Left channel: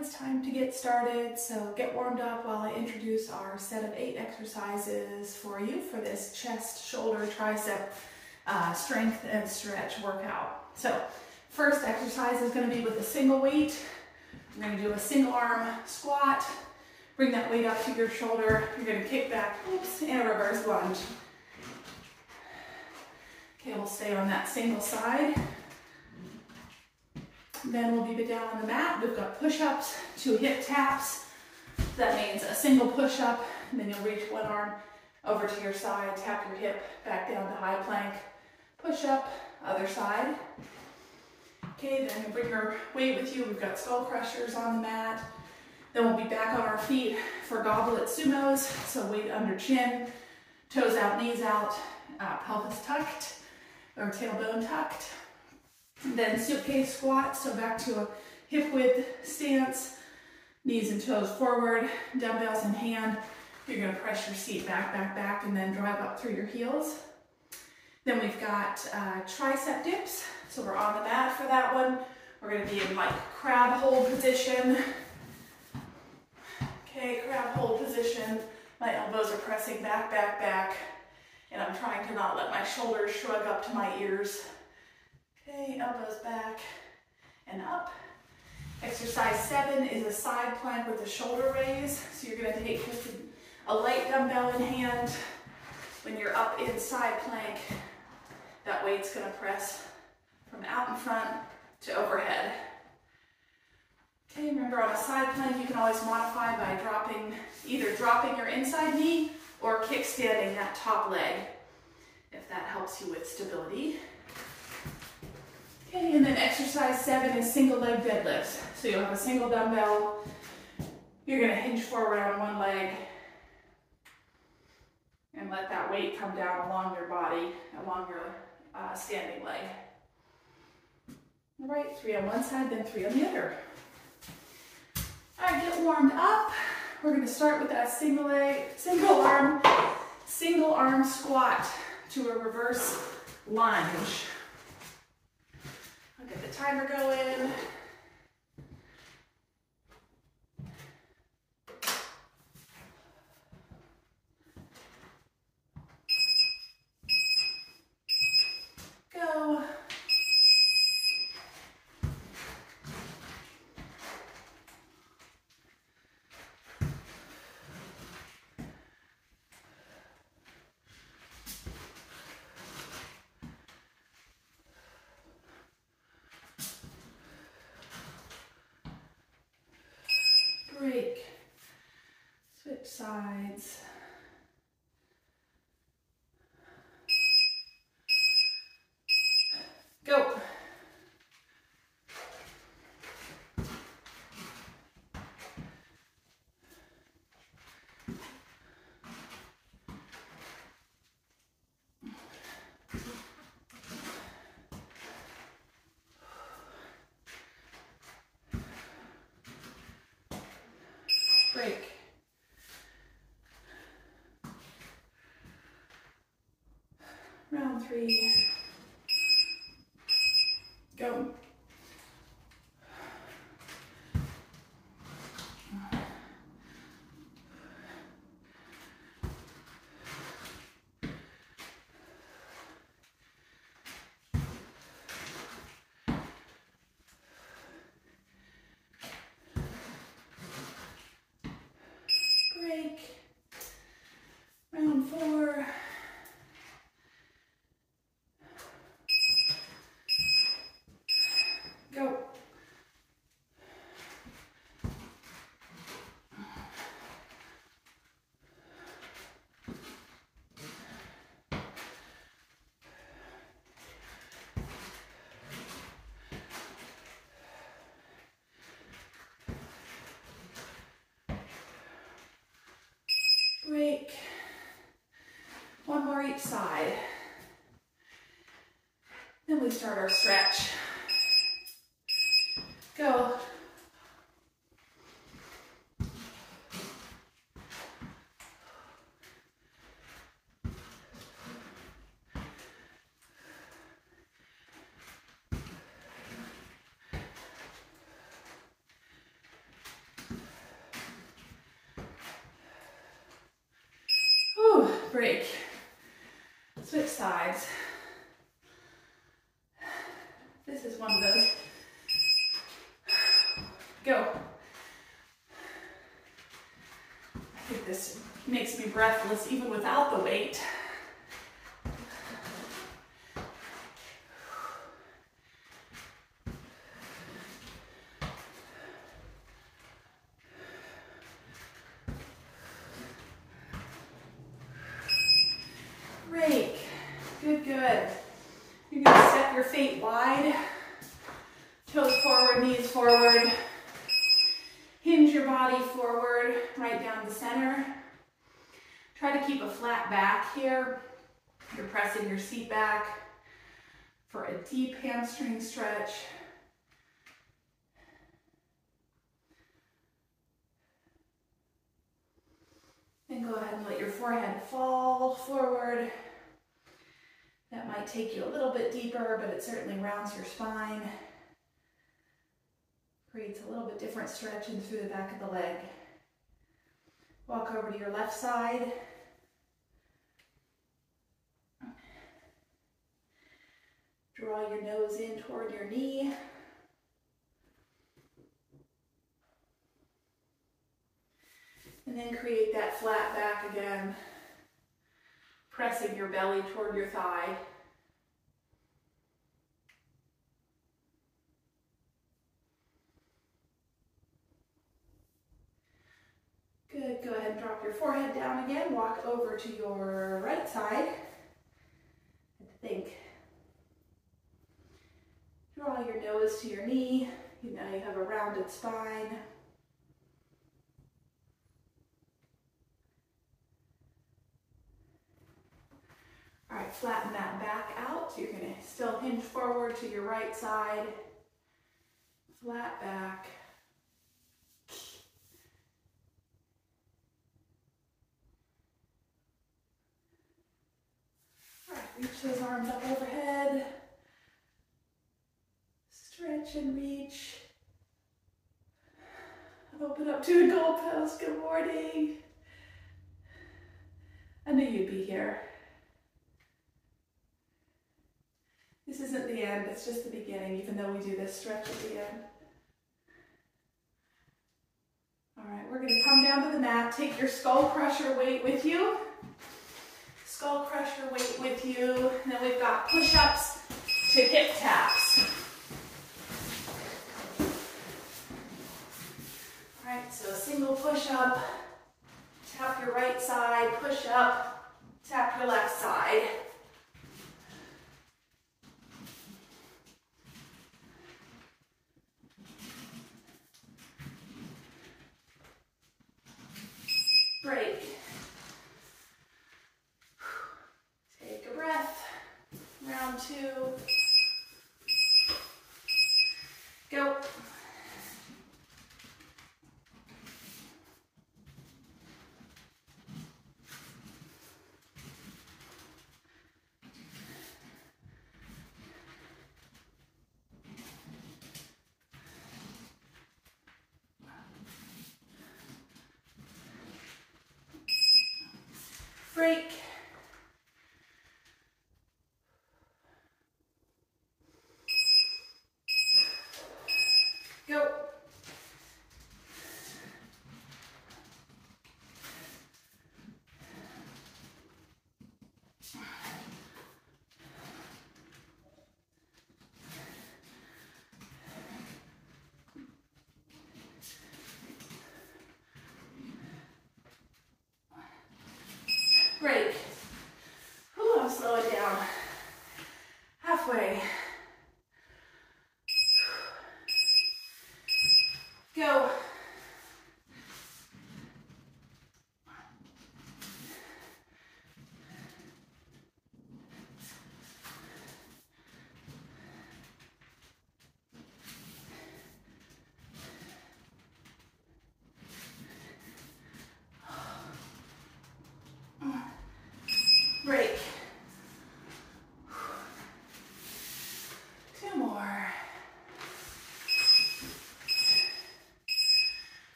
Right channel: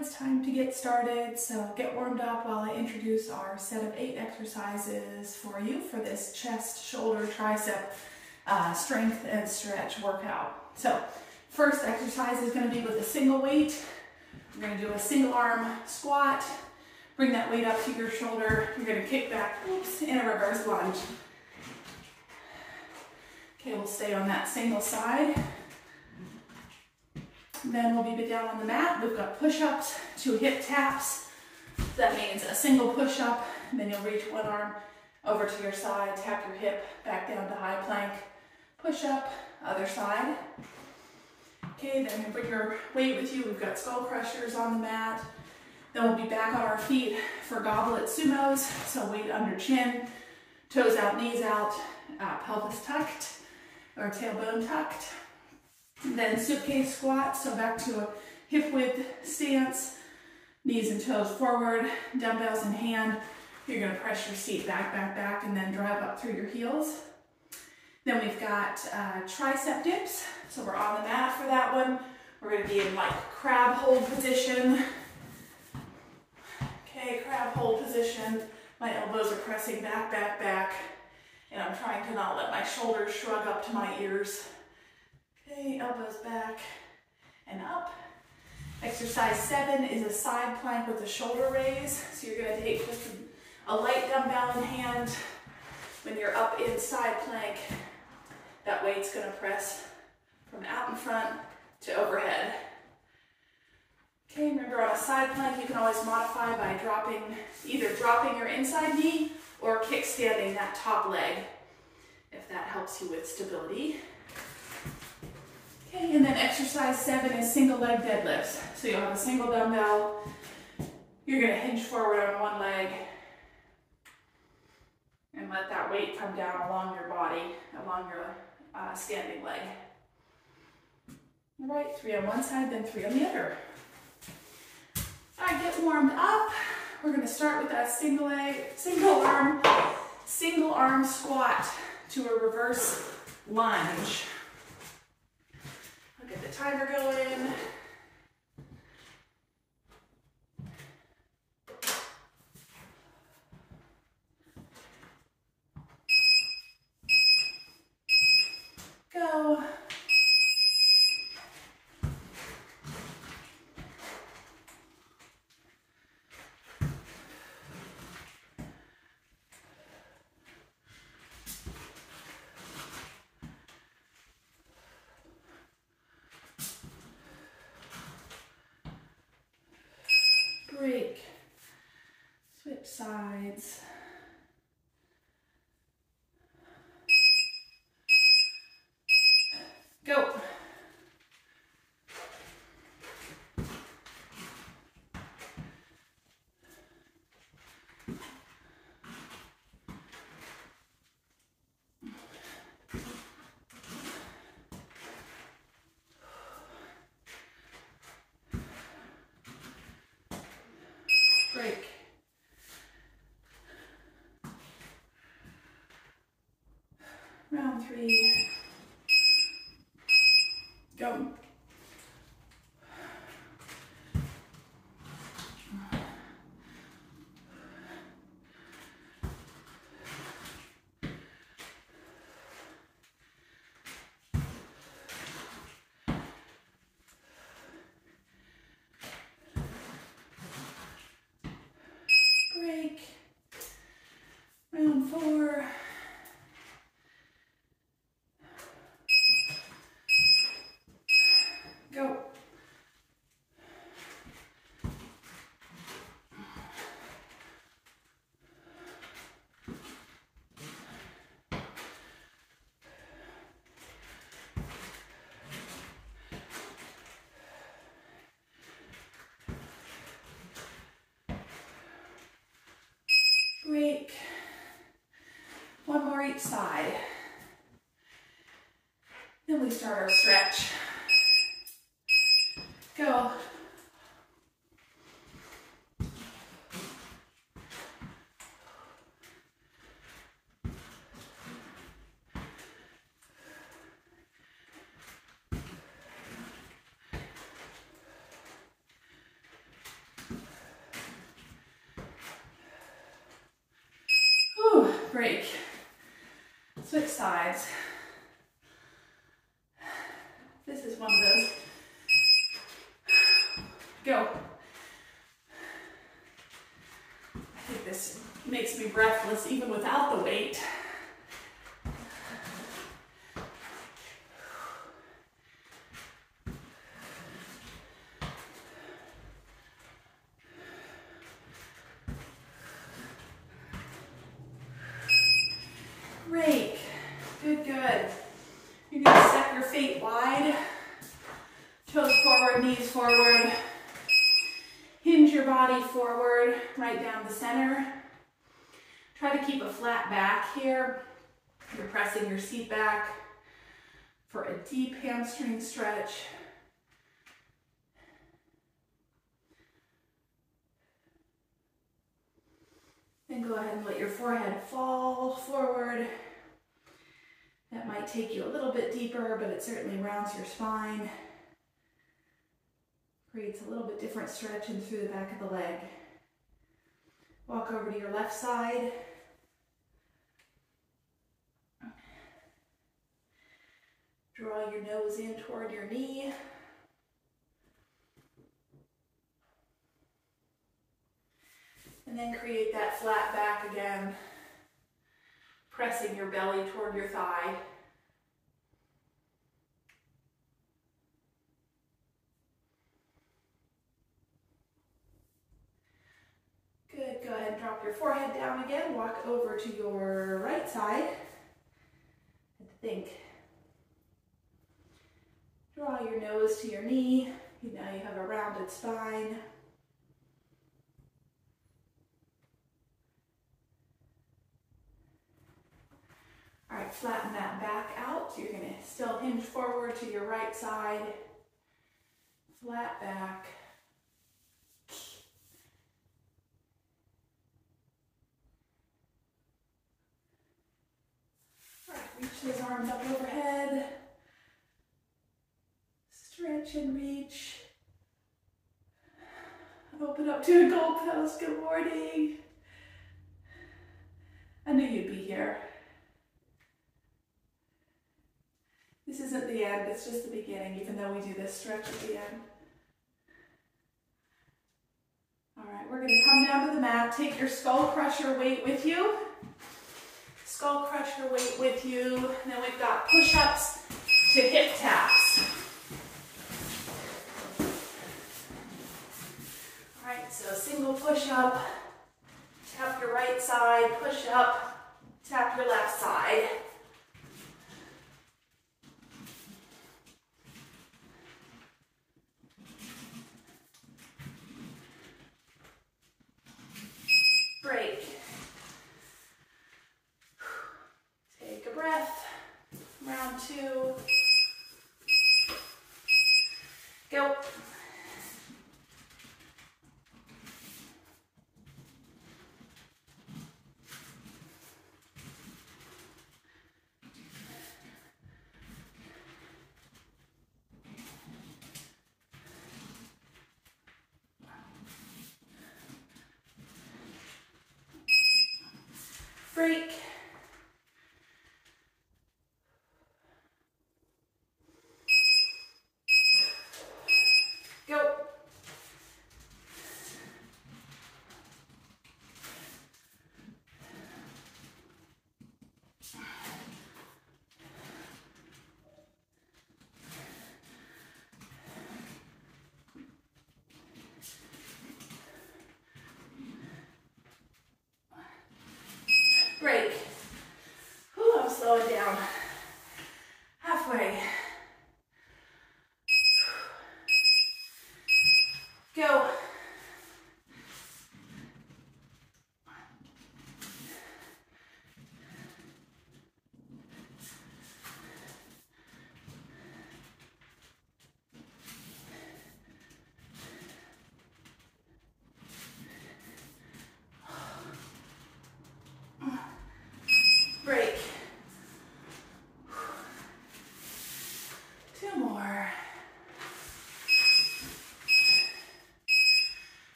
it's time to get started. So get warmed up while I introduce our set of 8 exercises for you for this chest, shoulder, tricep strength and stretch workout. So first exercise is going to be with a single weight. We're going to do a single arm squat. Bring that weight up to your shoulder. You're going to kick back, oops, in a reverse lunge. Okay, we'll stay on that single side. Then we'll be down on the mat. We've got push-ups, 2 hip taps. That means a single push-up, and then you'll reach one arm over to your side, tap your hip back down to high plank, push-up, other side. Okay, then you bring your weight with you. We've got skull crushers on the mat. Then we'll be back on our feet for goblet sumos. So weight under chin, toes out, knees out, pelvis tucked or tailbone tucked. Then suitcase squat, so back to a hip width stance, knees and toes forward, dumbbells in hand. You're going to press your seat back, back, back, and then drive up through your heels. Then we've got tricep dips, so we're on the mat for that one. We're going to be in like crab hold position. Okay, crab hold position. My elbows are pressing back, back, back, and I'm trying to not let my shoulders shrug up to my ears. Okay, elbows back and up. Exercise 7 is a side plank with a shoulder raise. So you're going to take just a light dumbbell in hand. When you're up in side plank, that weight's going to press from out in front to overhead. Okay, remember on a side plank you can always modify by either dropping your inside knee or kickstanding that top leg, if that helps you with stability. Okay, and then exercise 7 is single leg deadlifts. So you'll have a single dumbbell. You're going to hinge forward on one leg and let that weight come down along your body, along your standing leg. All right, 3 on one side, then 3 on the other. All right, get warmed up. We're going to start with that single arm squat to a reverse lunge. I'll get the timer going. Go. Break, switch sides. Go. Break. Round 3. Go. Break. Round 4. Go. Break. One more each side. Then we start our stretch. Go. break. Switch sides. This is one of those. Go. I think this makes me breathless even without the weight. Great. Good, good. You're going to step your feet wide. Toes forward, knees forward. Hinge your body forward, right down the center. Try to keep a flat back here. You're pressing your seat back for a deep hamstring stretch. Then go ahead and let your forehead fall forward. That might take you a little bit deeper, but it certainly rounds your spine. Creates a little bit different stretching through the back of the leg. Walk over to your left side. Draw your nose in toward your knee. And then create that flat back again, pressing your belly toward your thigh. Good, go ahead and drop your forehead down again. Walk over to your right side. Think. Draw your nose to your knee. Now you have a rounded spine. All right, flatten that back out. So you're going to still hinge forward to your right side. Flat back. All right, reach those arms up overhead. Stretch and reach. Open up to a goal post. Good morning. I knew you'd be here. This isn't the end, it's just the beginning, even though we do this stretch at the end. All right, we're gonna come down to the mat. Take your skull crusher weight with you. Skull crusher weight with you. And then we've got push-ups to hip taps. All right, so a single push-up. Tap your right side, push up, tap your left side. Break. Take a breath. Round two. Go. Break. Go. Break. Ooh, I'm slowing down. Halfway. Go. Break. Two more.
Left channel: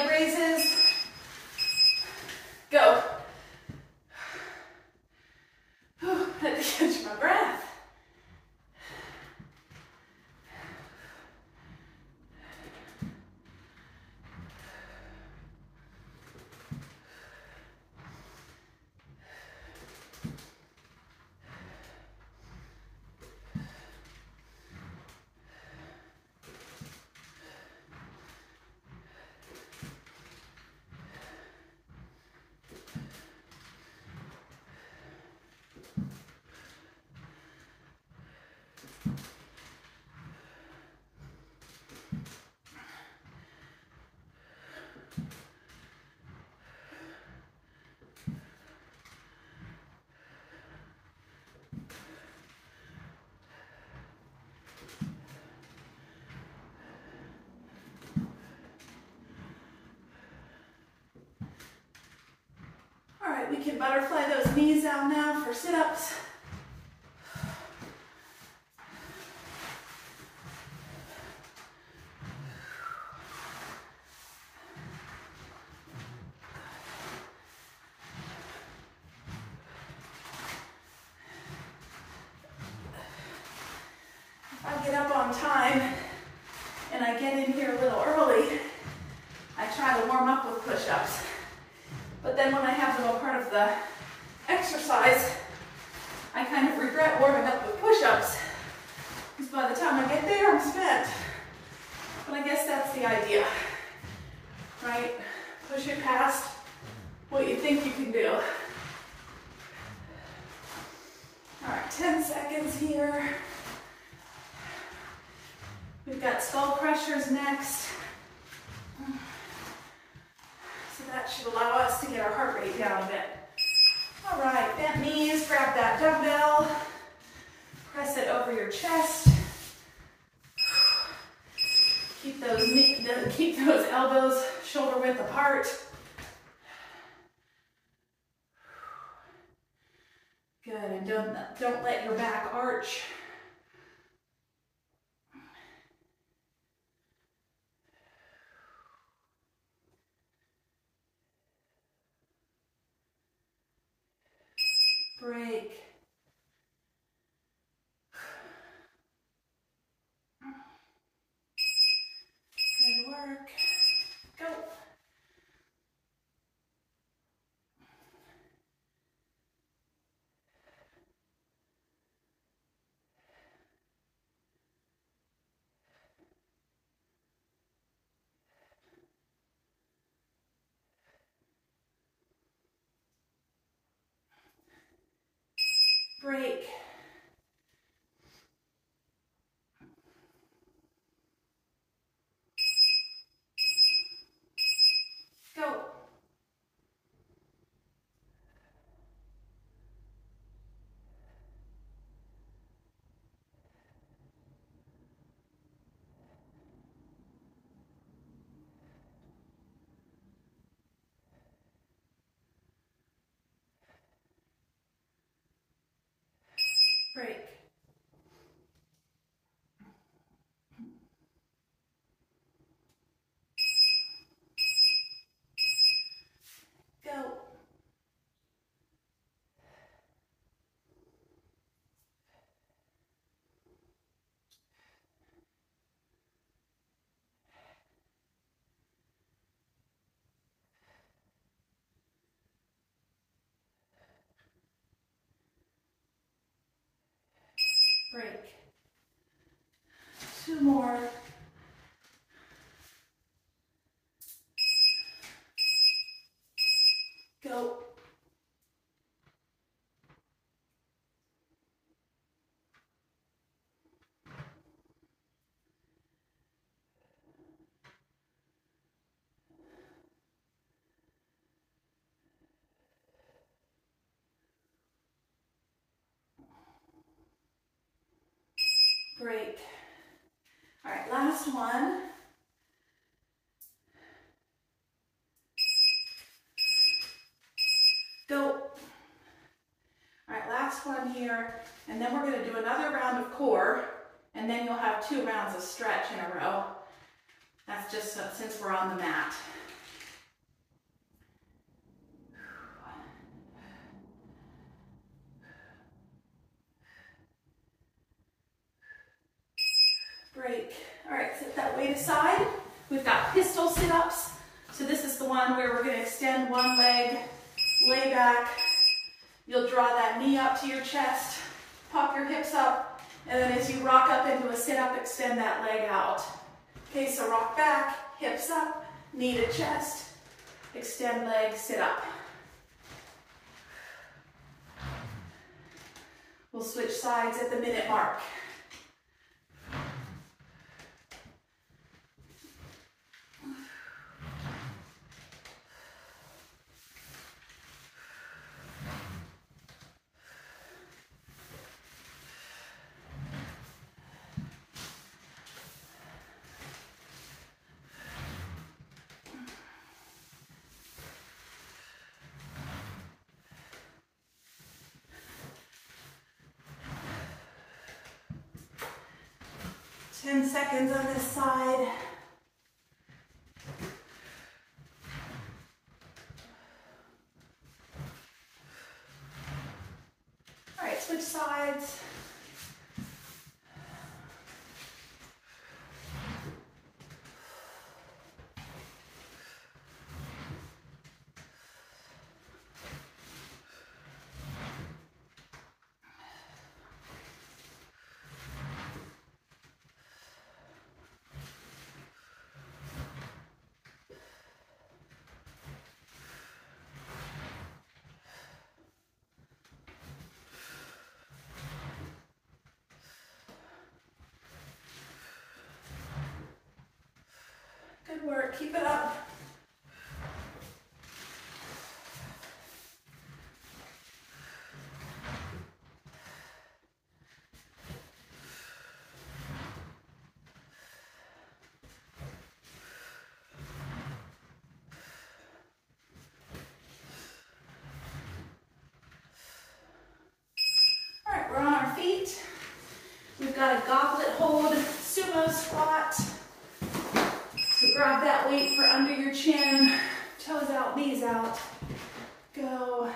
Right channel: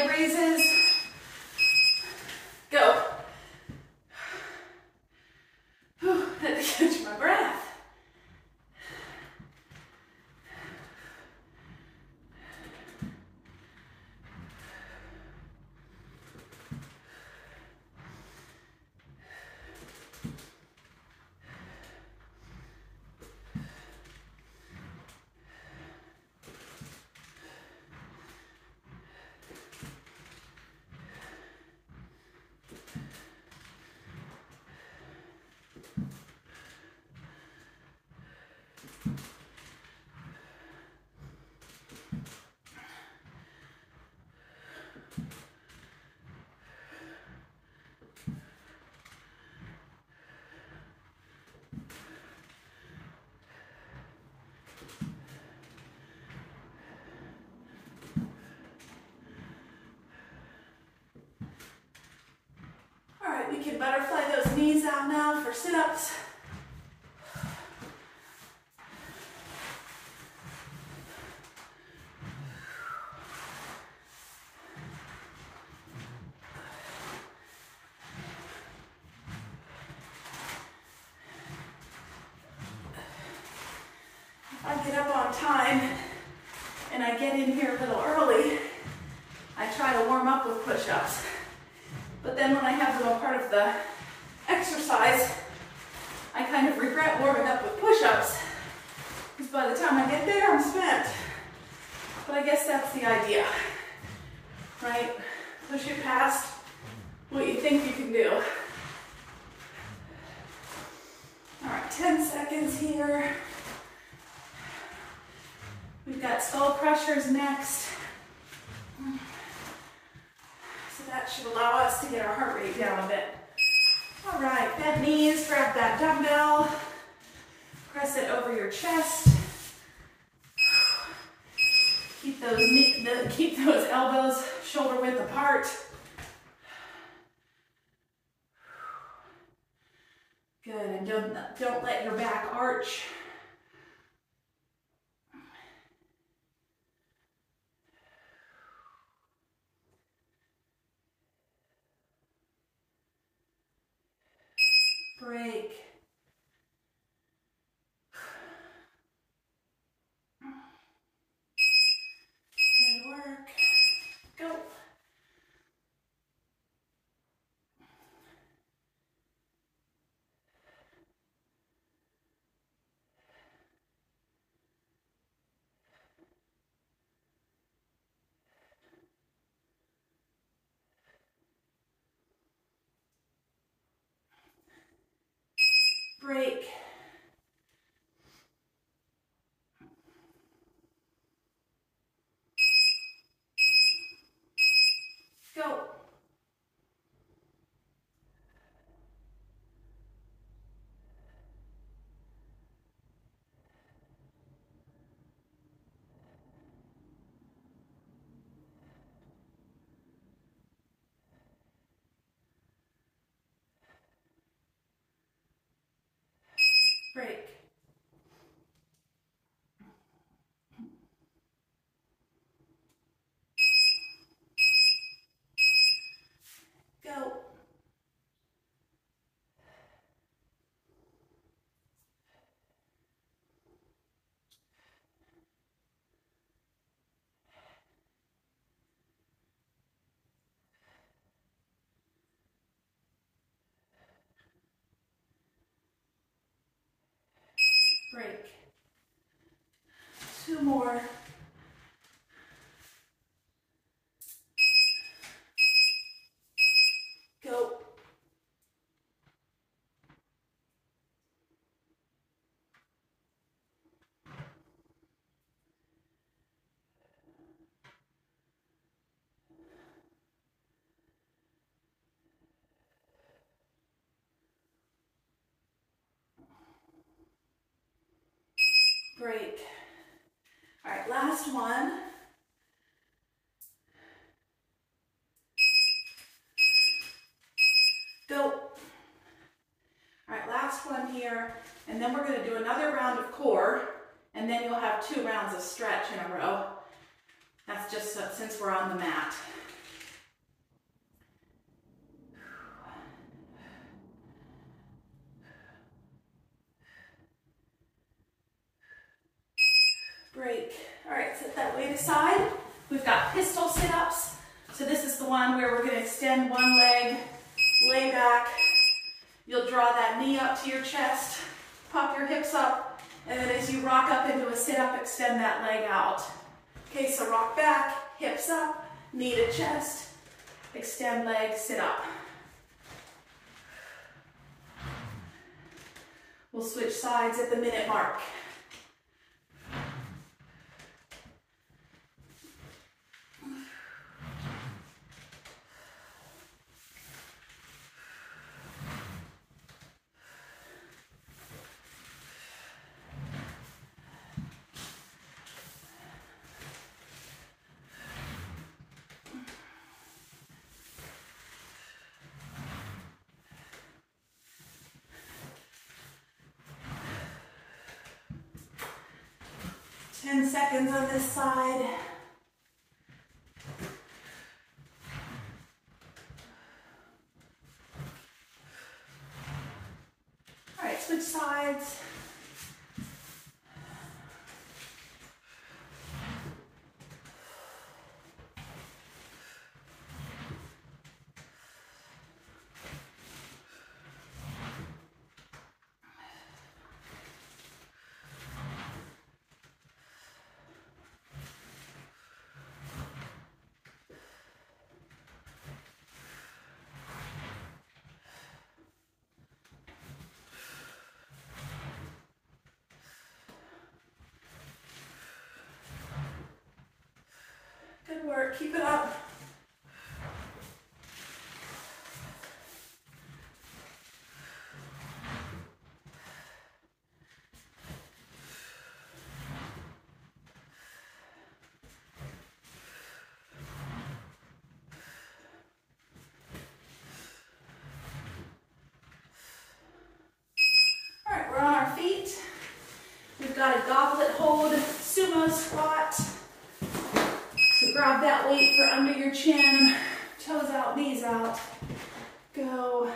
leg raises. Go. Whew, had to catch my breath. All right, we can butterfly those knees out now for sit-ups. I get up on time and I get in here a little early, I try to warm up with push-ups. But then when I have them a part of the exercise, I kind of regret warming up with push-ups, because by the time I get there, I'm spent. But I guess that's the idea, right? Push it past what you think you can do. All right, 10 seconds here. We've got skull crushers next. So that should allow us to get our heart rate down a bit. All right, bent knees, grab that dumbbell, press it over your chest. Keep those elbows shoulder width apart. Good, and don't let your back arch. Break. Good work. Go. Break. Go. Break. Go. Break. 2 more. Go. Break. All right, last one. Go. All right, last one here, and then we're going to do another round of core, and then you'll have 2 rounds of stretch in a row. That's just since we're on the mat. Break. All right, set that weight aside. We've got pistol sit-ups. So this is the one where we're going to extend one leg, lay back. You'll draw that knee up to your chest, pop your hips up, and then as you rock up into a sit-up, extend that leg out. Okay, so rock back, hips up, knee to chest, extend leg, sit up. We'll switch sides at the minute mark. Ten seconds on this side. All right, switch sides. Good work, keep it up. All right, we're on our feet. We've got a goblet hold, sumo squat. So grab that weight for under your chin, toes out, knees out. Go.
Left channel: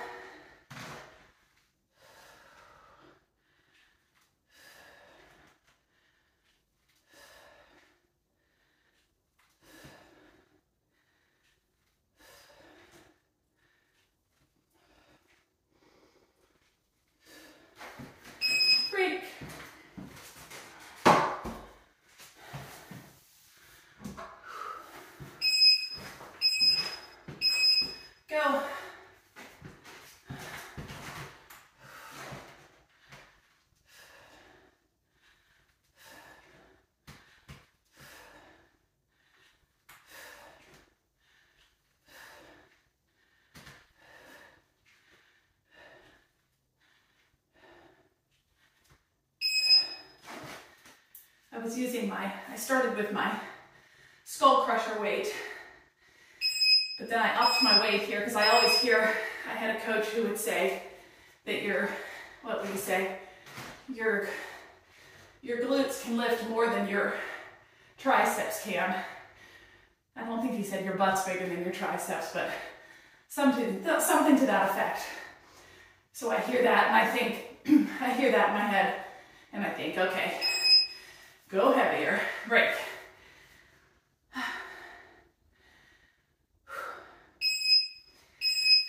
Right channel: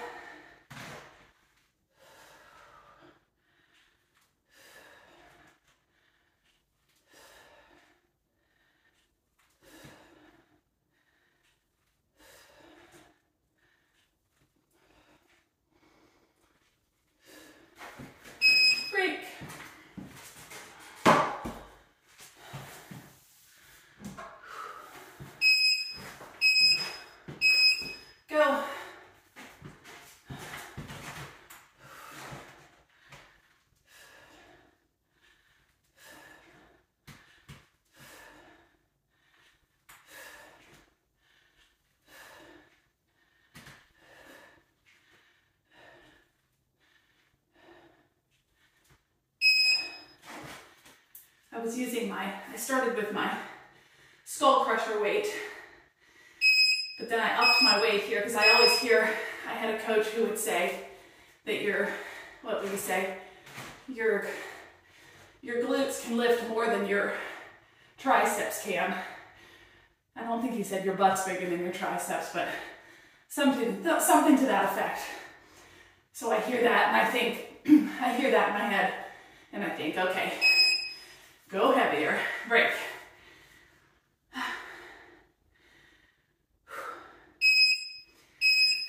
Break. Go. I started with my skull crusher weight, but then I upped my weight here because I always hear, I had a coach who would say that what would he say? Your glutes can lift more than your triceps can. I don't think he said your butt's bigger than your triceps, but something to that effect. So I hear that and I think, I hear that in my head and I think, okay, go heavier, break.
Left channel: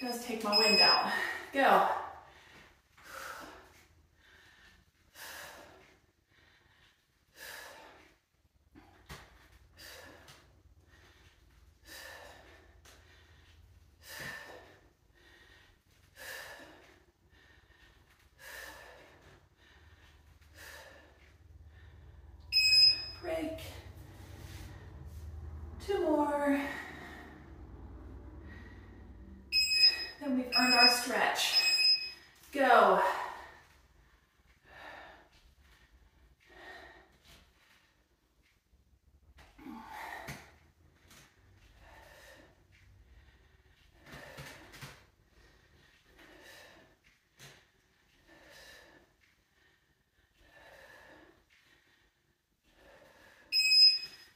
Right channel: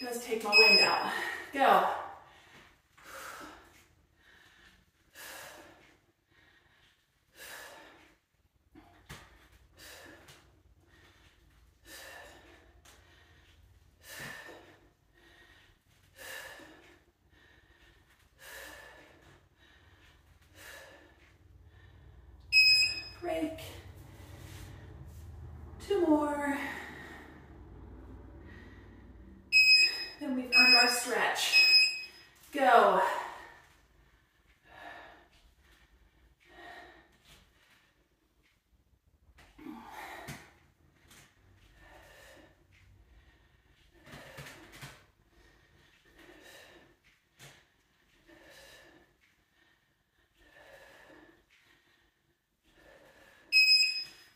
Just take my wind out, go. Break. 2 more. Then we've earned our stretch. Go.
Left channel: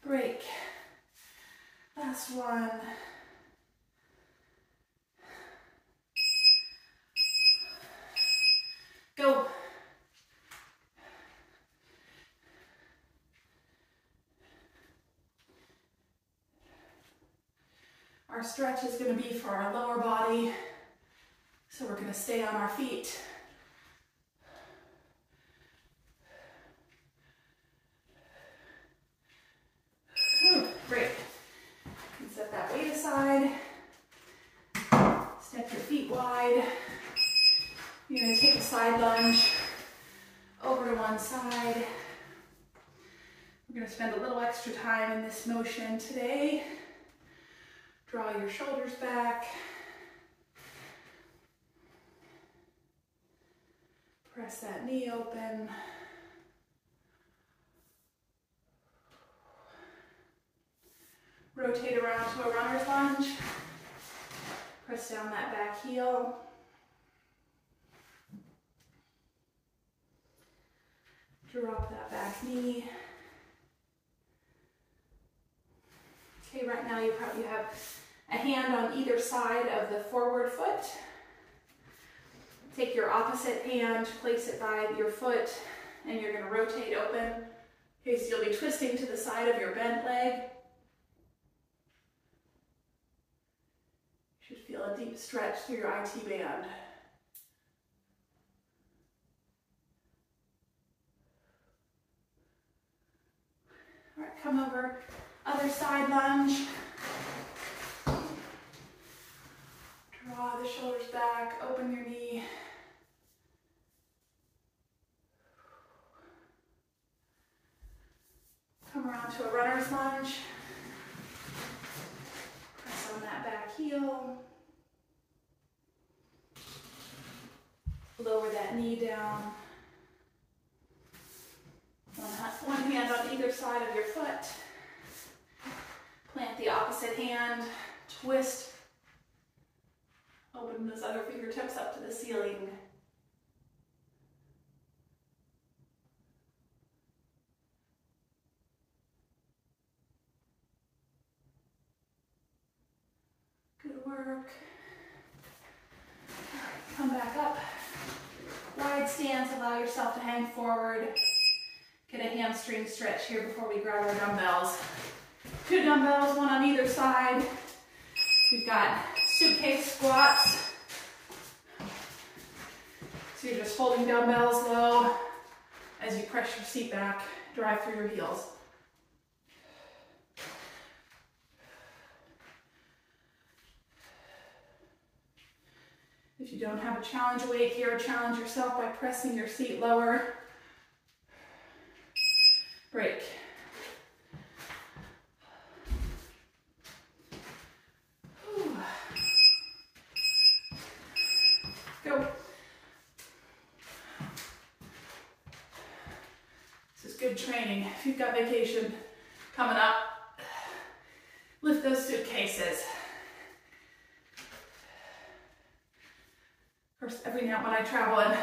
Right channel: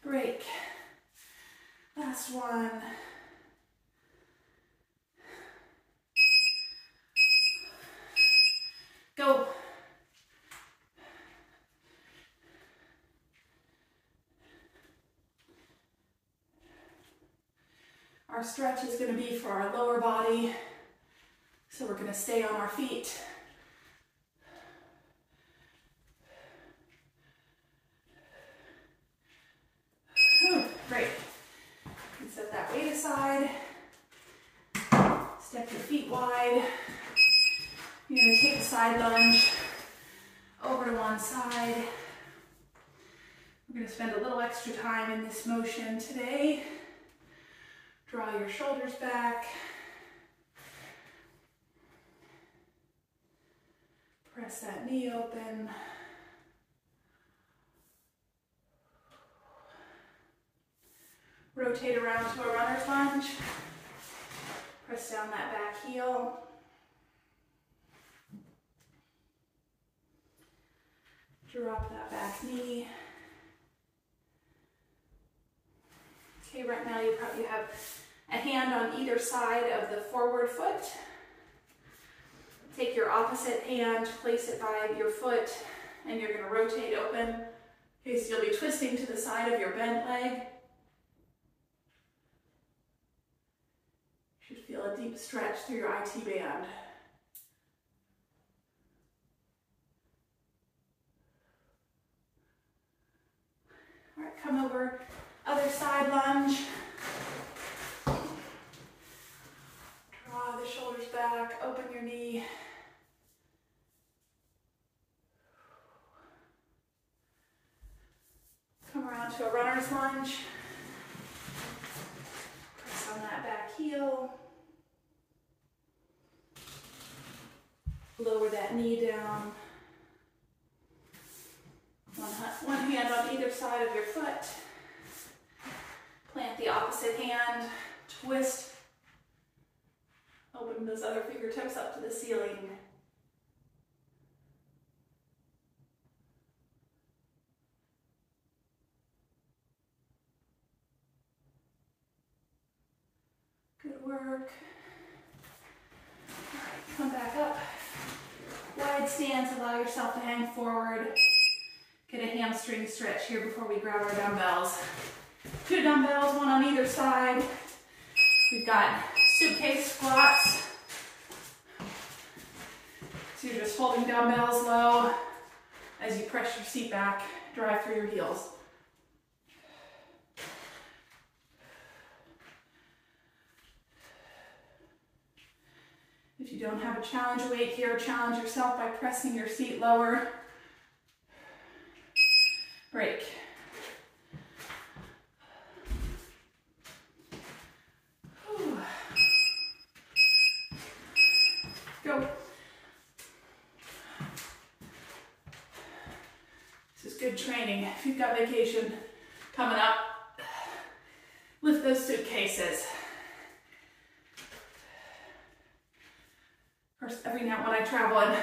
Break. Last one. Go. Our stretch is going to be for our lower body, so we're going to stay on our feet. Great. You can set that weight aside. Step your feet wide. You're going to take a side lunge over to one side. We're going to spend a little extra time in this motion today. Draw your shoulders back. Press that knee open. Rotate around to a runner's lunge. Press down that back heel. Drop that back knee. Okay, right now you probably have a hand on either side of the forward foot. Take your opposite hand, place it by your foot, and you're going to rotate open. Okay, so you'll be twisting to the side of your bent leg. You should feel a deep stretch through your IT band. All right, come over, other side lunge. Draw the shoulders back, open your knee. Come around to a runner's lunge. Press on that back heel. Lower that knee down. One hand on either side of your foot. Plant the opposite hand. Twist. Open those other fingertips up to the ceiling. Good work. All right, come back up. Wide stance, allow yourself to hang forward. Get a hamstring stretch here before we grab our dumbbells. 2 dumbbells, 1 on either side. We've got suitcase squats. So you're just holding dumbbells low as you press your seat back, drive through your heels. If you don't have a challenge weight here, challenge yourself by pressing your seat lower. Break. Whew. Go. This is good training. If you've got vacation coming up, lift those suitcases. Of course, every now when I travel and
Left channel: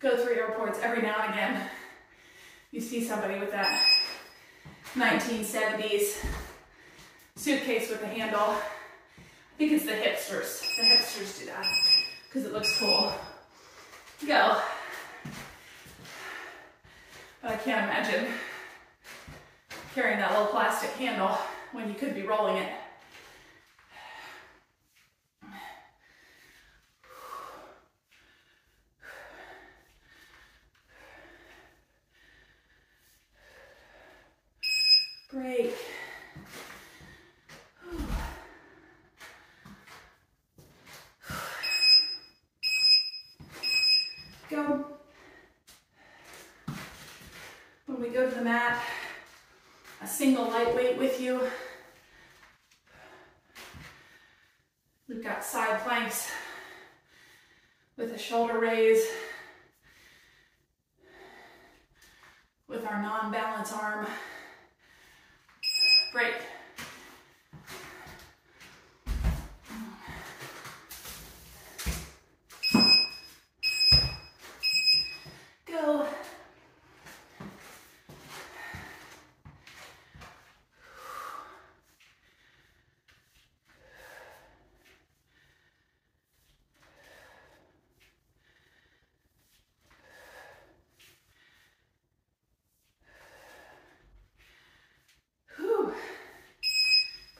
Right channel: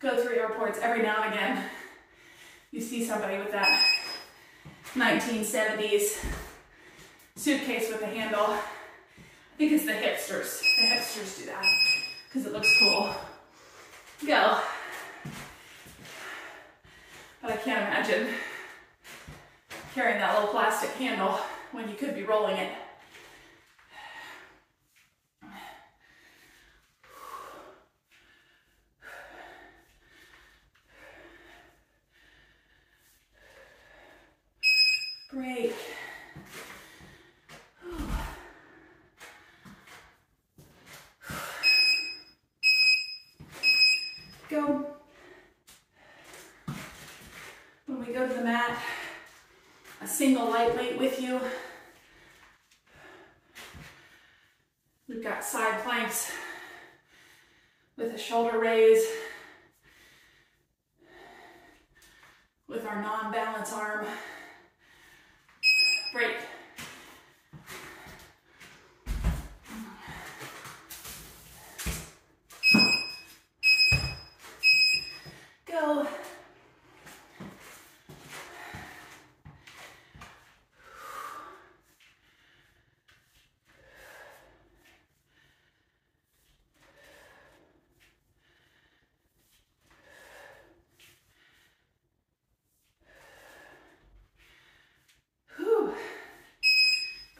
go through airports, every now and again, you see somebody with that 1970s suitcase with a handle. I think it's the hipsters. The hipsters do that because it looks cool. Go. But I can't imagine carrying that little plastic handle when you could be rolling it. Break. Go. When we go to the mat, a single light weight with you. We've got side planks with a shoulder raise with our non-balance arm. Break. Go.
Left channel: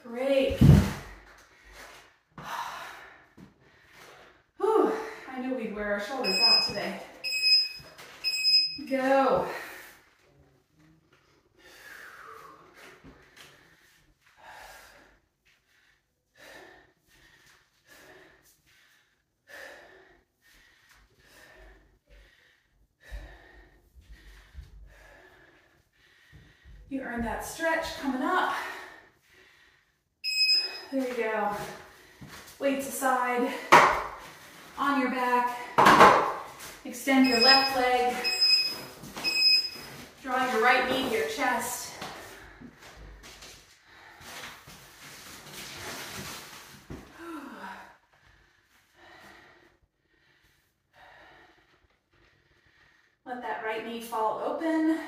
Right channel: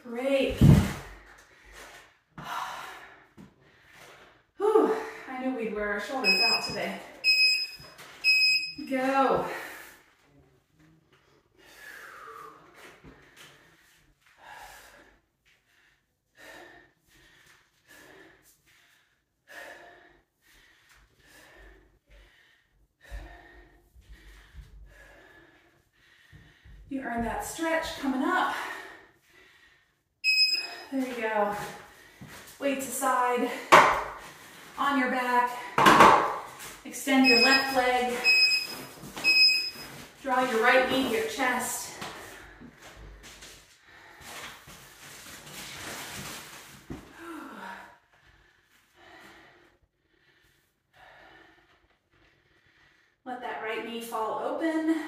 Break. wear our shoulders out today. Go. You earn that stretch coming up. There you go. Weights aside, on your back. Extend your left leg. Draw your right knee to your chest. Let that right knee fall open.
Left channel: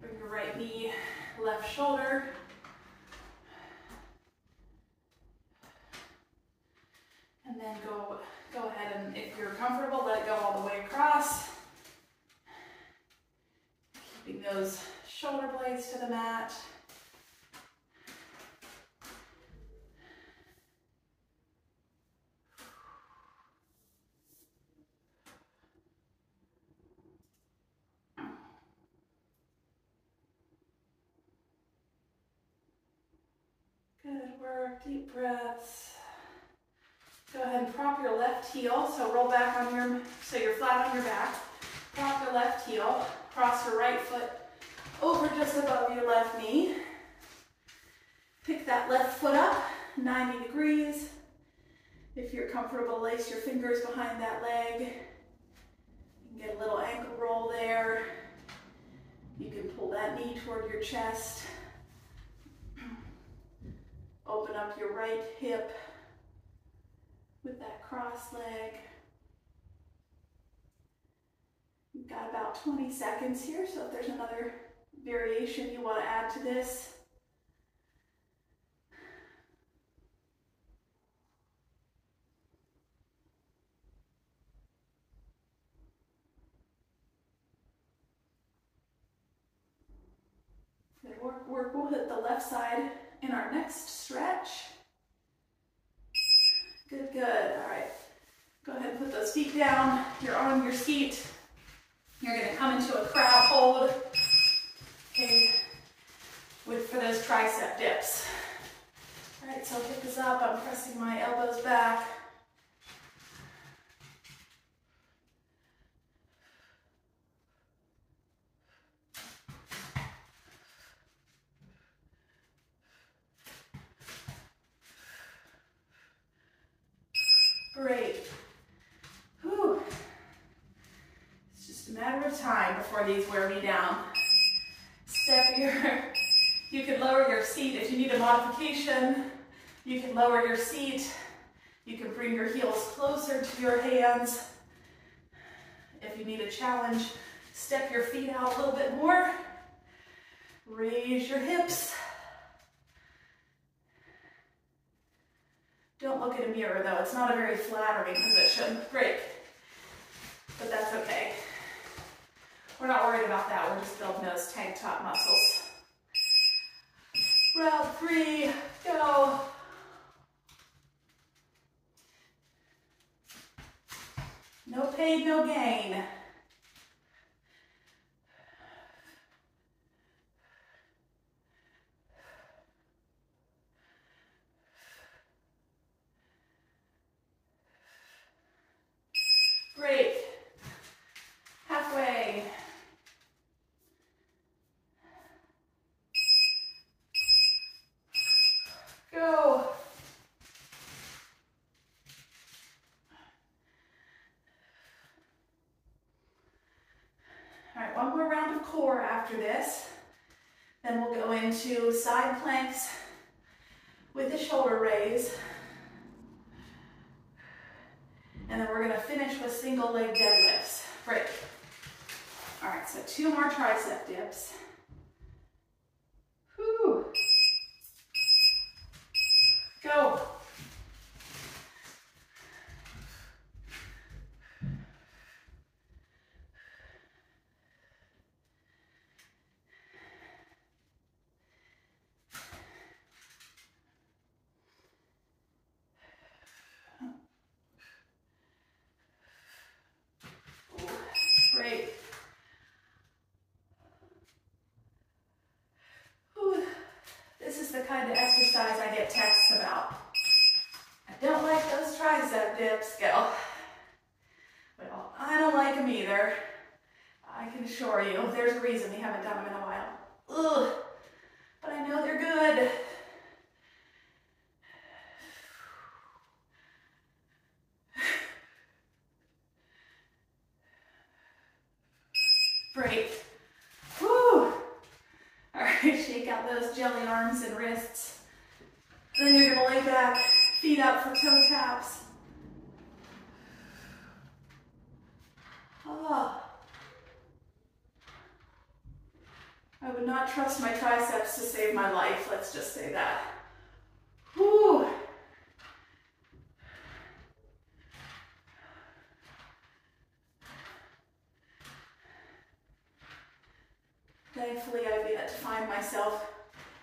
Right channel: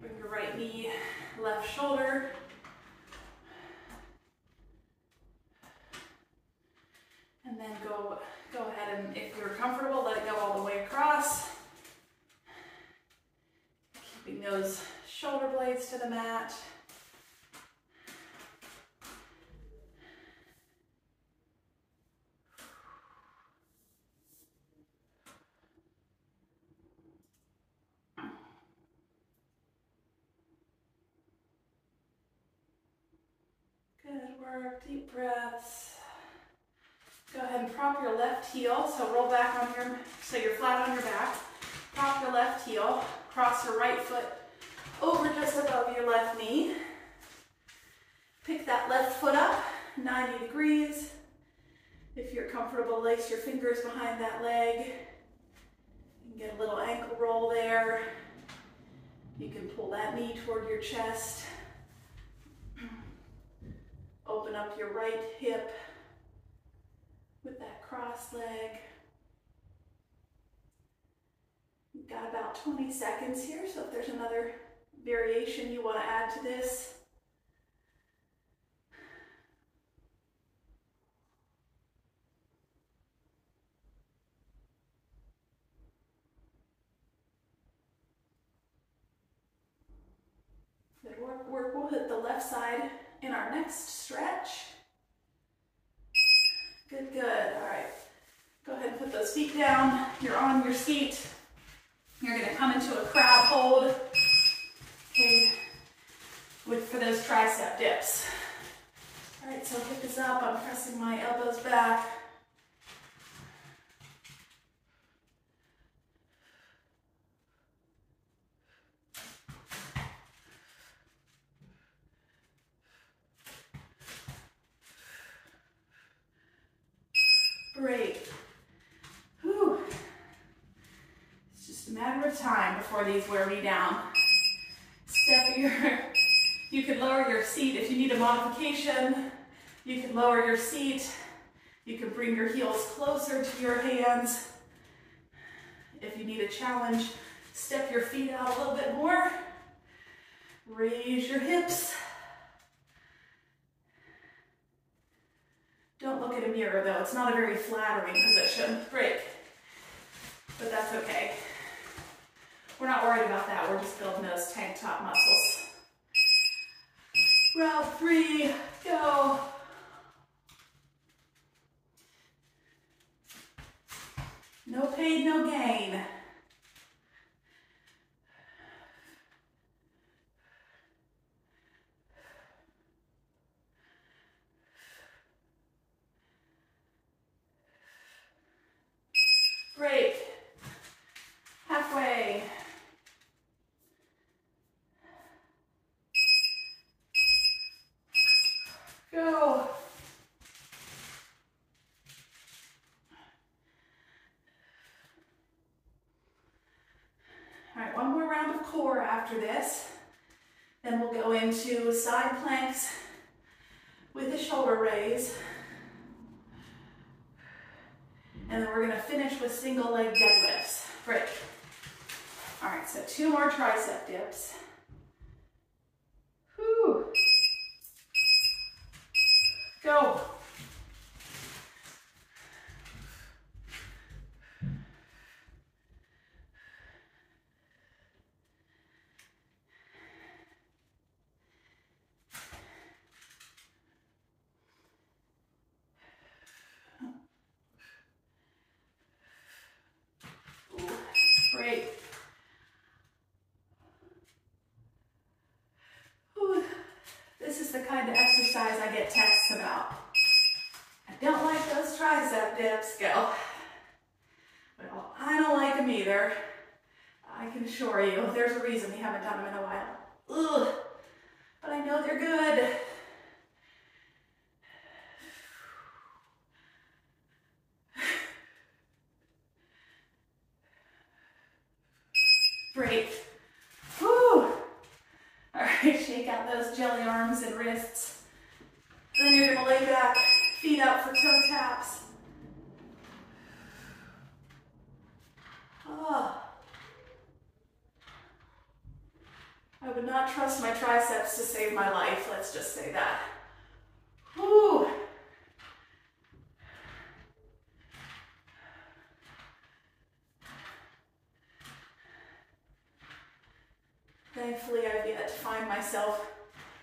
Bring your right knee, left shoulder. And then go ahead and, if you're comfortable, let it go all the way across. Keeping those shoulder blades to the mat. Good work, deep breaths. Go ahead and prop your left heel, so roll back on so you're flat on your back. Prop your left heel, cross your right foot over just above your left knee. Pick that left foot up, 90 degrees. If you're comfortable, lace your fingers behind that leg. You can get a little ankle roll there. You can pull that knee toward your chest. Open up your right hip with that cross leg. You've got about 20 seconds here, so if there's another variation you want to add to this. Good work. We'll hit the left side in our next stretch. Good. All right. Go ahead and put those feet down. You're on your seat. You're going to come into a crab hold. Okay. For those tricep dips. All right, so pick this up. I'm pressing my elbows back. Break. Whew. It's just a matter of time before these wear me down. You can lower your seat if you need a modification. You can lower your seat. You can bring your heels closer to your hands. If you need a challenge, step your feet out a little bit more. Raise your hips. Don't look at a mirror though, it's not a very flattering position. Break. But that's okay. We're not worried about that, we're just building those tank top muscles. Round 3, go. No pain, no gain. Break. Halfway. Go. All right, one more round of core after this. Then we'll go into side planks with the shoulder raise. And then we're going to finish with single leg deadlifts. Break. All right, so 2 more tricep dips. Whew. Go. texts about, I don't like those tricep dips. Go, well, I don't like them either. I can assure you, there's a reason we haven't done them in a while. Ugh, but I know they're good. Great. Whew. All right, shake out those jelly arms and wrists. Then you're gonna lay back, feet up for toe taps. Oh. I would not trust my triceps to save my life, let's just say that. Whew. Thankfully, I've yet to find myself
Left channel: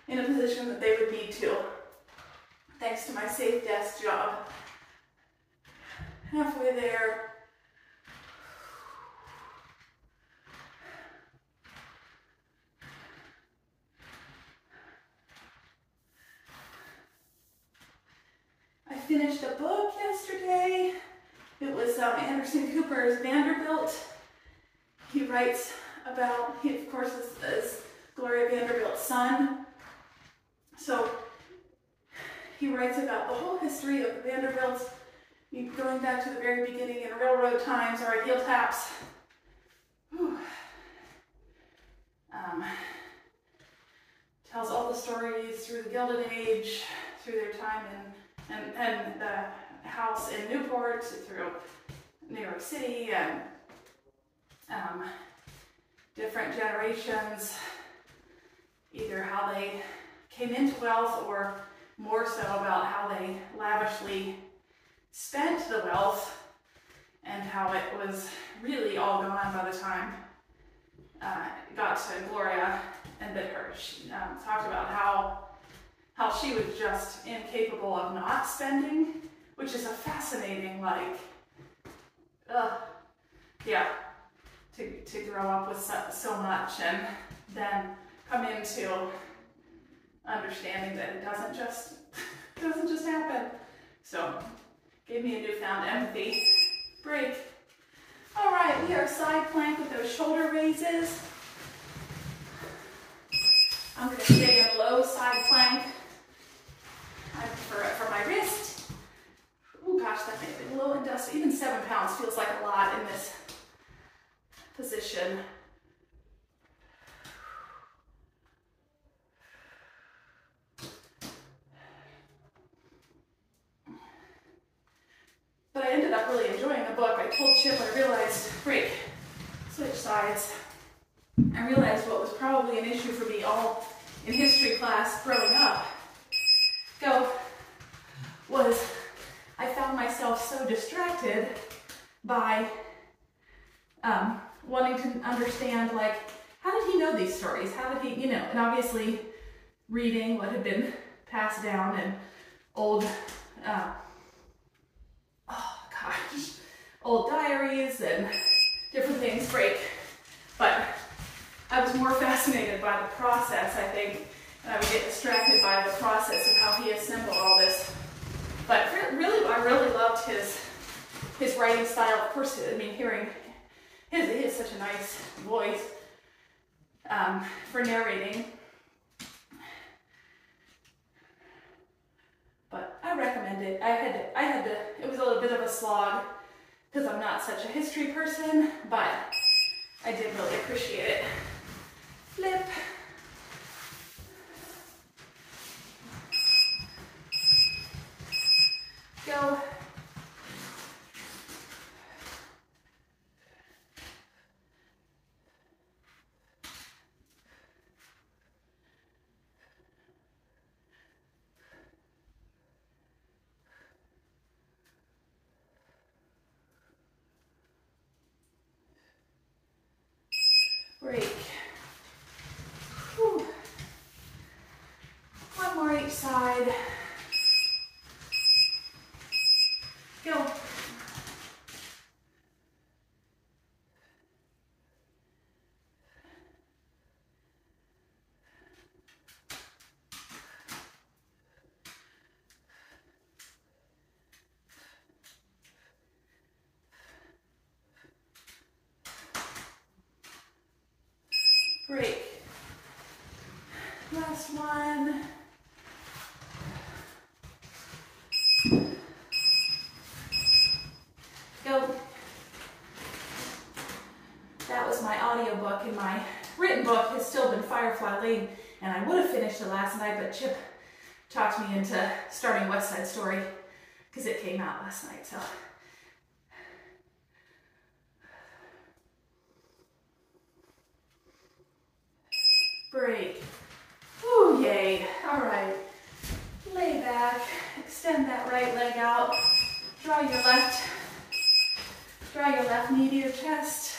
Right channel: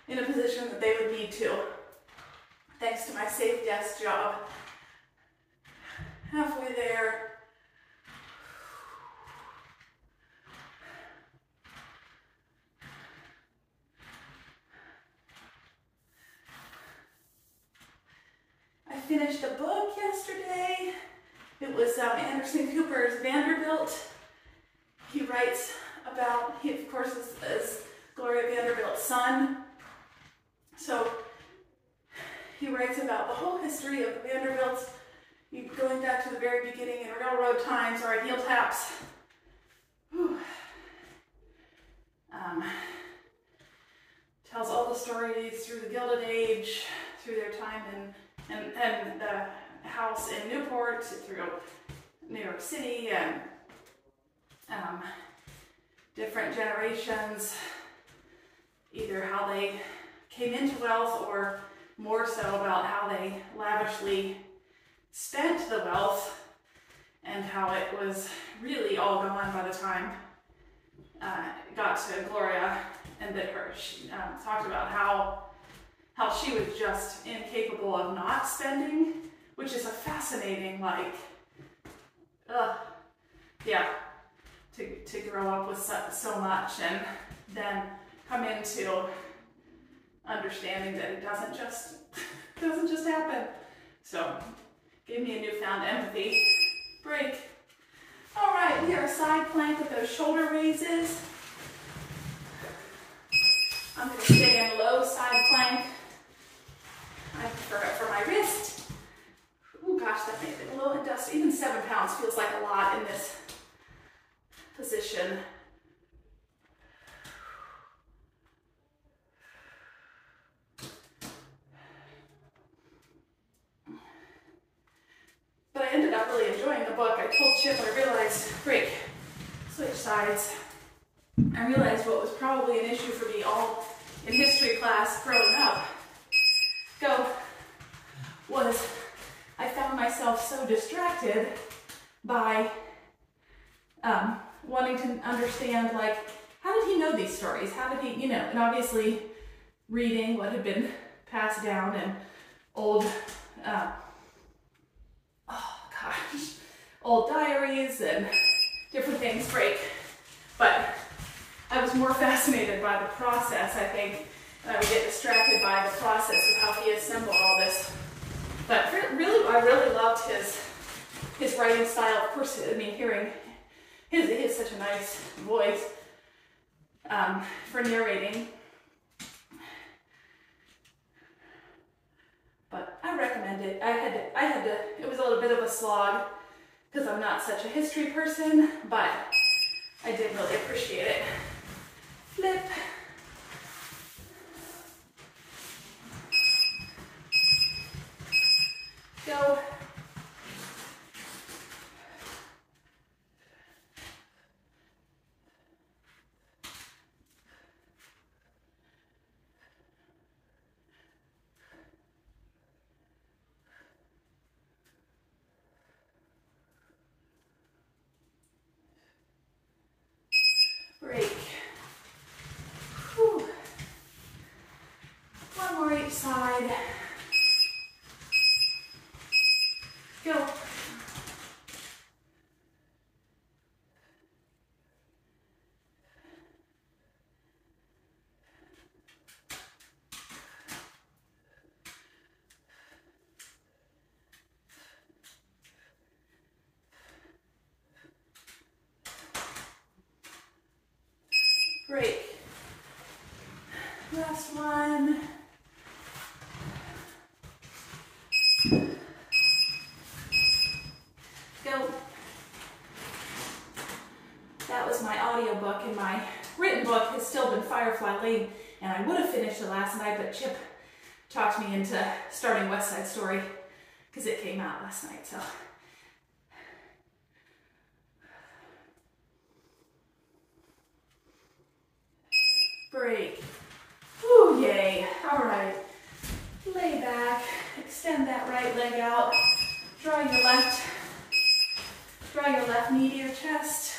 in a position that they would need to, thanks to my safe desk job. Halfway there. I finished a book yesterday. It was Anderson Cooper's Vanderbilt. He writes about, he of course is Gloria Vanderbilt's son. So he writes about the whole history of the Vanderbilts, going back to the very beginning in railroad times or heel taps. Tells all the stories through the Gilded Age, through their time and the house in Newport, through New York City, and different generations, either how they came into wealth or more so about how they lavishly spent the wealth and how it was really all gone by the time it got to Gloria and that her. She talked about how she was just incapable of not spending, which is a fascinating, to grow up with so much and then come into understanding that it doesn't just happen. So, gave me a newfound empathy. Break. All right, we are side plank with those shoulder raises. I'm going to stay in low side plank. I prefer it for my wrist. Oh gosh, that made it a little dusty. Even 7 pounds feels like a lot in this position. But I ended up really enjoying the book. I told Chip, I realized, break, switch sides. I realized what was probably an issue for me all in history class growing up, was I found myself so distracted by wanting to understand, like, how did he know these stories? How did he, and obviously reading what had been passed down and old, old diaries and different things break. But I was more fascinated by the process, I think, and I would get distracted by the process of how he assembled all this. But really, I really loved his writing style. Of course, I mean, hearing he has such a nice voice for narrating. But I recommend it. I had to, it was a little bit of a slog because I'm not such a history person, but I did really appreciate it. Flip. Go. Break. Whew. One more each side. Go. Break. Last one. Go. That was my audiobook, and my written book has still been Firefly Lane, and I would have finished it last night, but Chip talked me into starting West Side Story because it came out last night, so. Break. Ooh, yay. All right. Lay back, extend that right leg out, draw your left knee to your chest.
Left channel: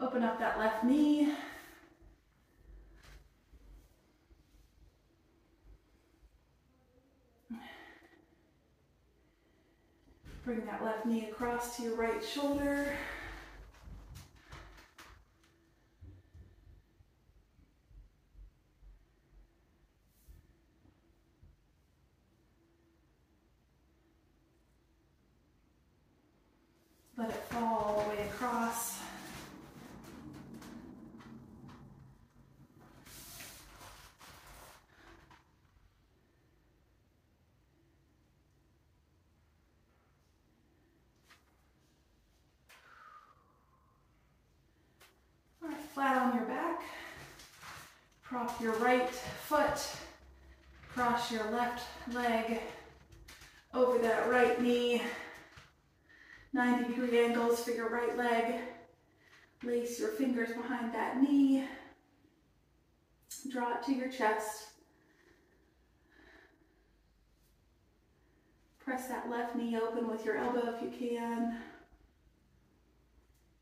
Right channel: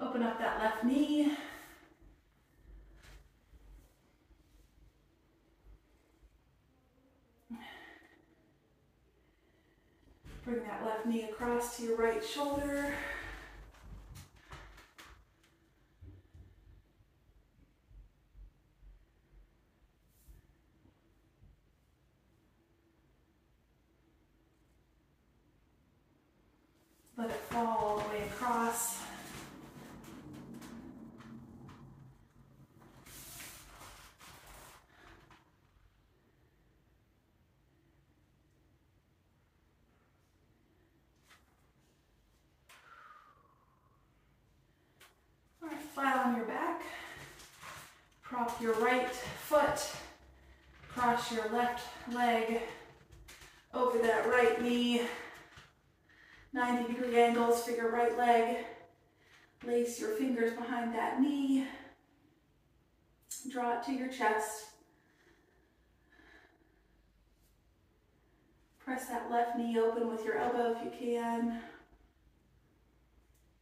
Open up that left knee. Bring that left knee across to your right shoulder. Let it fall all the way across. All right, flat on your back. Prop your right foot. Cross your left leg over that right knee. 90-degree angles for your right leg. Lace your fingers behind that knee. Draw it to your chest. Press that left knee open with your elbow if you can.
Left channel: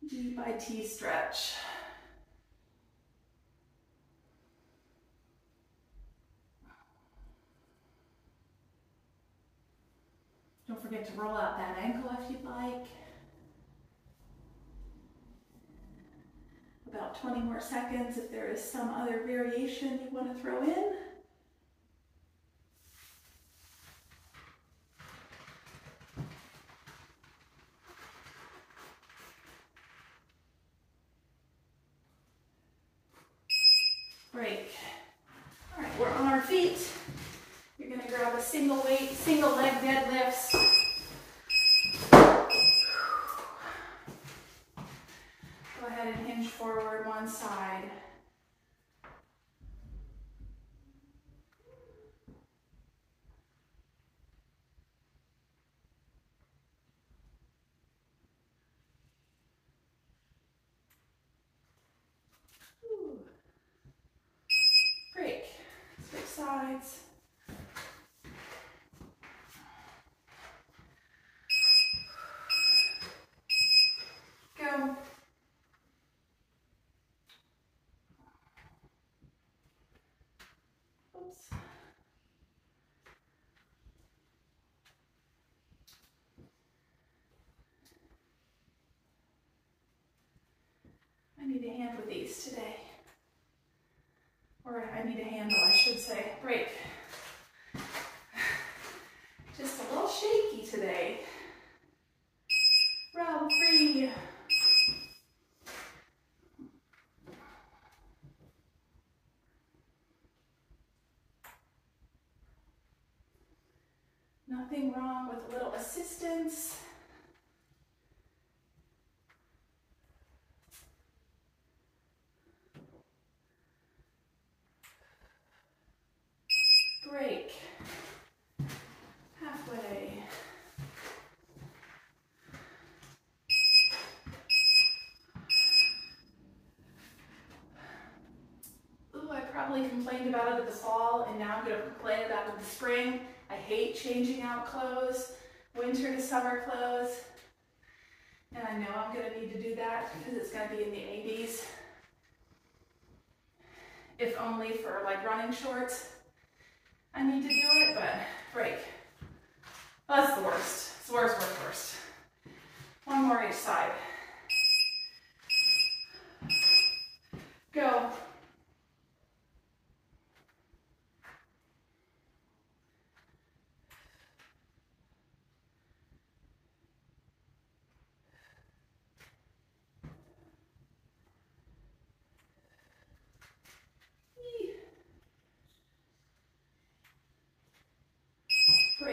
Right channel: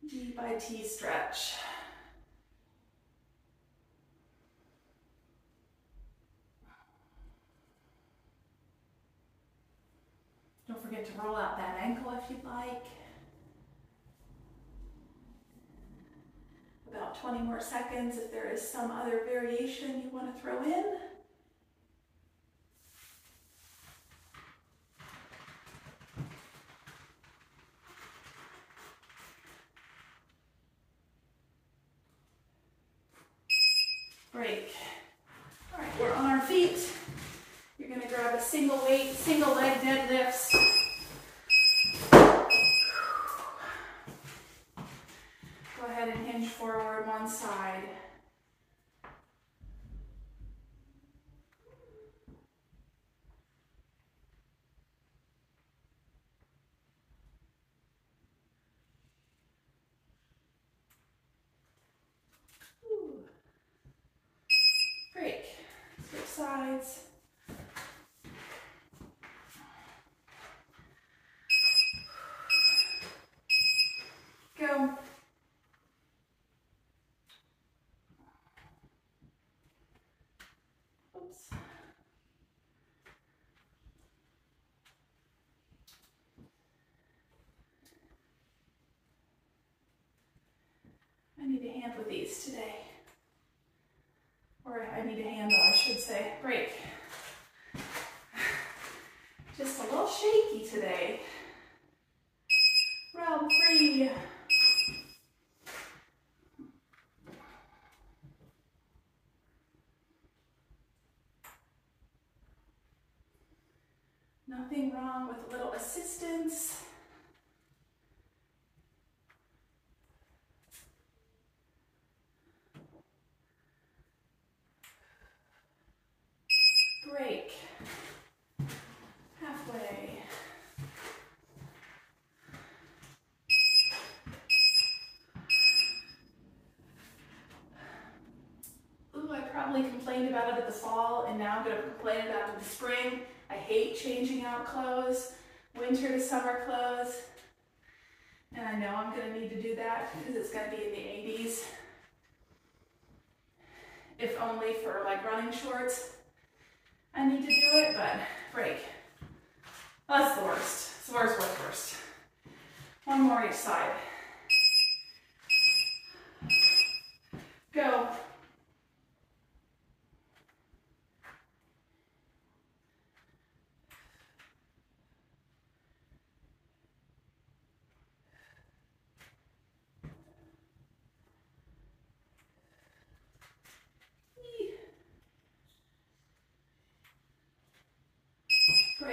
G by T stretch. Don't forget to roll out that ankle if you'd like. About 20 more seconds if there is some other variation you want to throw in. Break. All right, we're on our feet. You're going to grab a single weight, single leg deadlifts. Go ahead and hinge forward one side. Break. Switch sides. Go. Oops. I need a hand with these today. Or I need a handle, I should say. Break. Just a little shaky today. Round 3. Nothing wrong with a little assistance. Break. Halfway. Ooh, I probably complained about it in the fall, and now I'm going to complain about it in the spring. I hate changing out clothes, winter to summer clothes. And I know I'm going to need to do that because it's going to be in the 80s. If only for like running shorts. I need to do it, but break. That's the worst. It's the worst. One more each side. Go.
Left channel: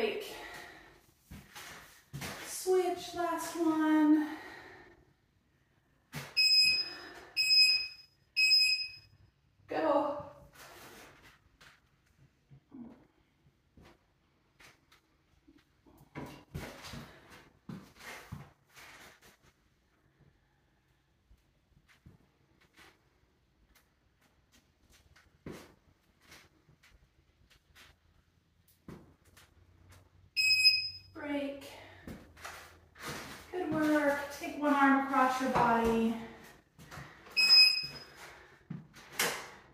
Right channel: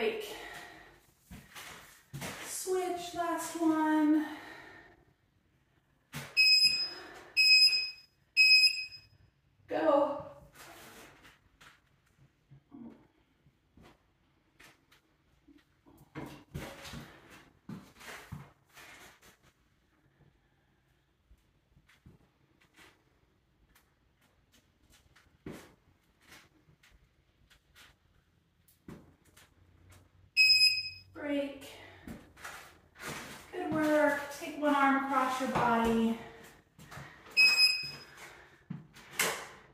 break. Switch, last one. Go. Break. Good work. Take one arm across your body.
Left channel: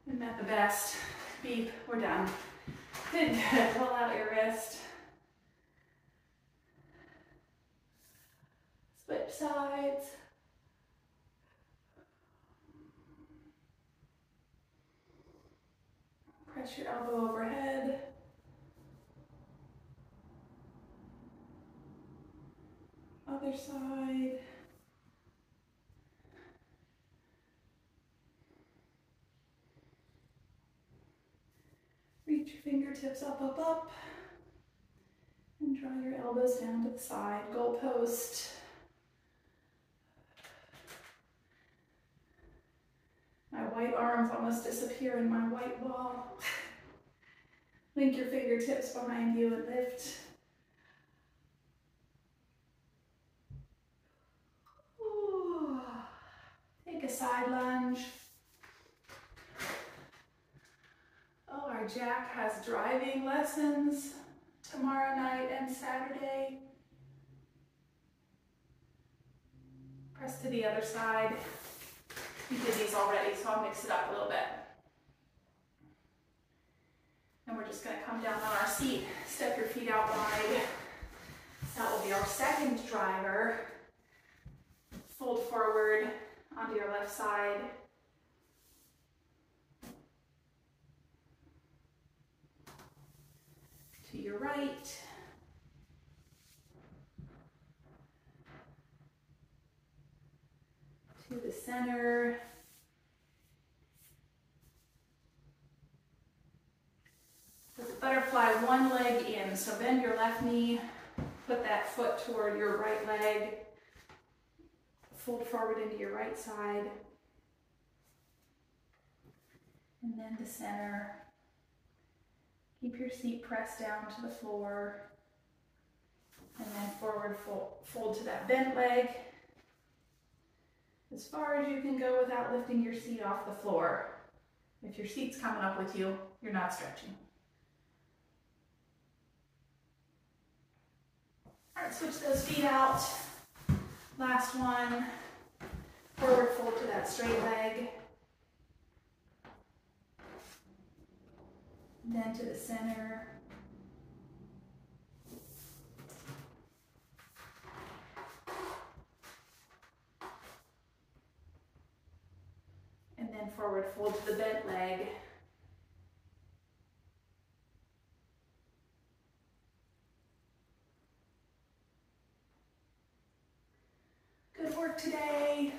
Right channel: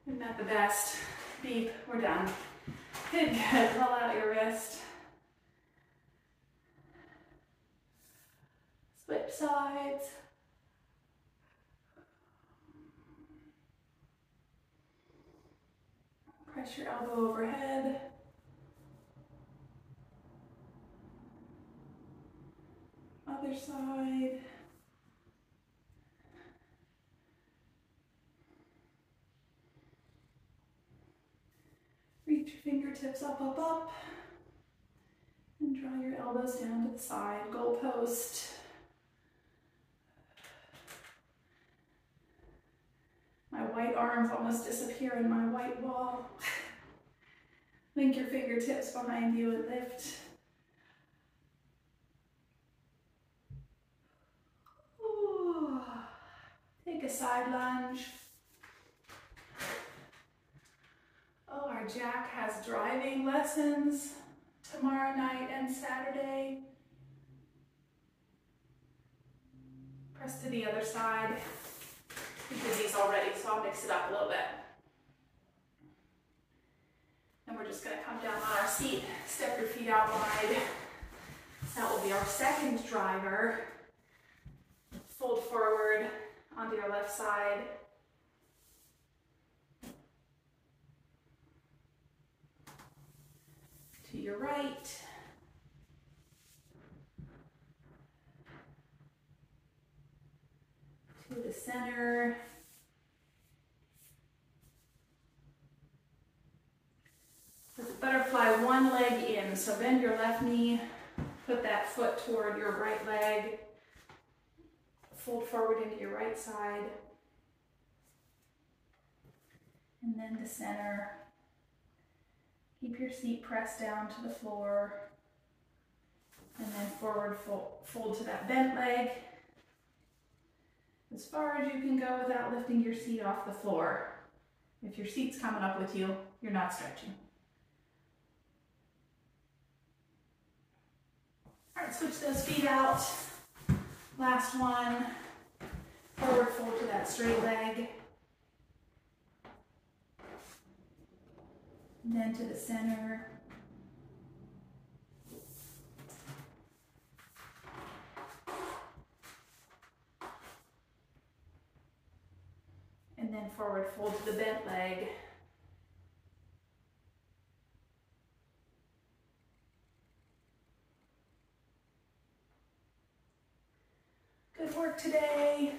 Isn't that the best? Beep, we're done. Good, good. Pull out your wrist. Switch sides. Press your elbow overhead. Other side. Reach your fingertips up, up, up. And draw your elbows down to the side. Goalpost. My white arms almost disappear in my white wall. Link your fingertips behind you and lift. Ooh. Take a side lunge. Oh, our Jack has driving lessons tomorrow night and Saturday. Press to the other side. We did these already, so I'll mix it up a little bit. And we're just going to come down on our seat, step your feet out wide. That will be our second driver. Fold forward onto your left side. To your right. To the center. With the butterfly, one leg in. So bend your left knee, put that foot toward your right leg. Fold forward into your right side. And then to center. Keep your seat pressed down to the floor. And then forward fold to that bent leg. As far as you can go without lifting your seat off the floor. If your seat's coming up with you, you're not stretching. All right, switch those feet out. Last one. Forward fold to that straight leg. And then to the center. And then forward fold to the bent leg. Good work today.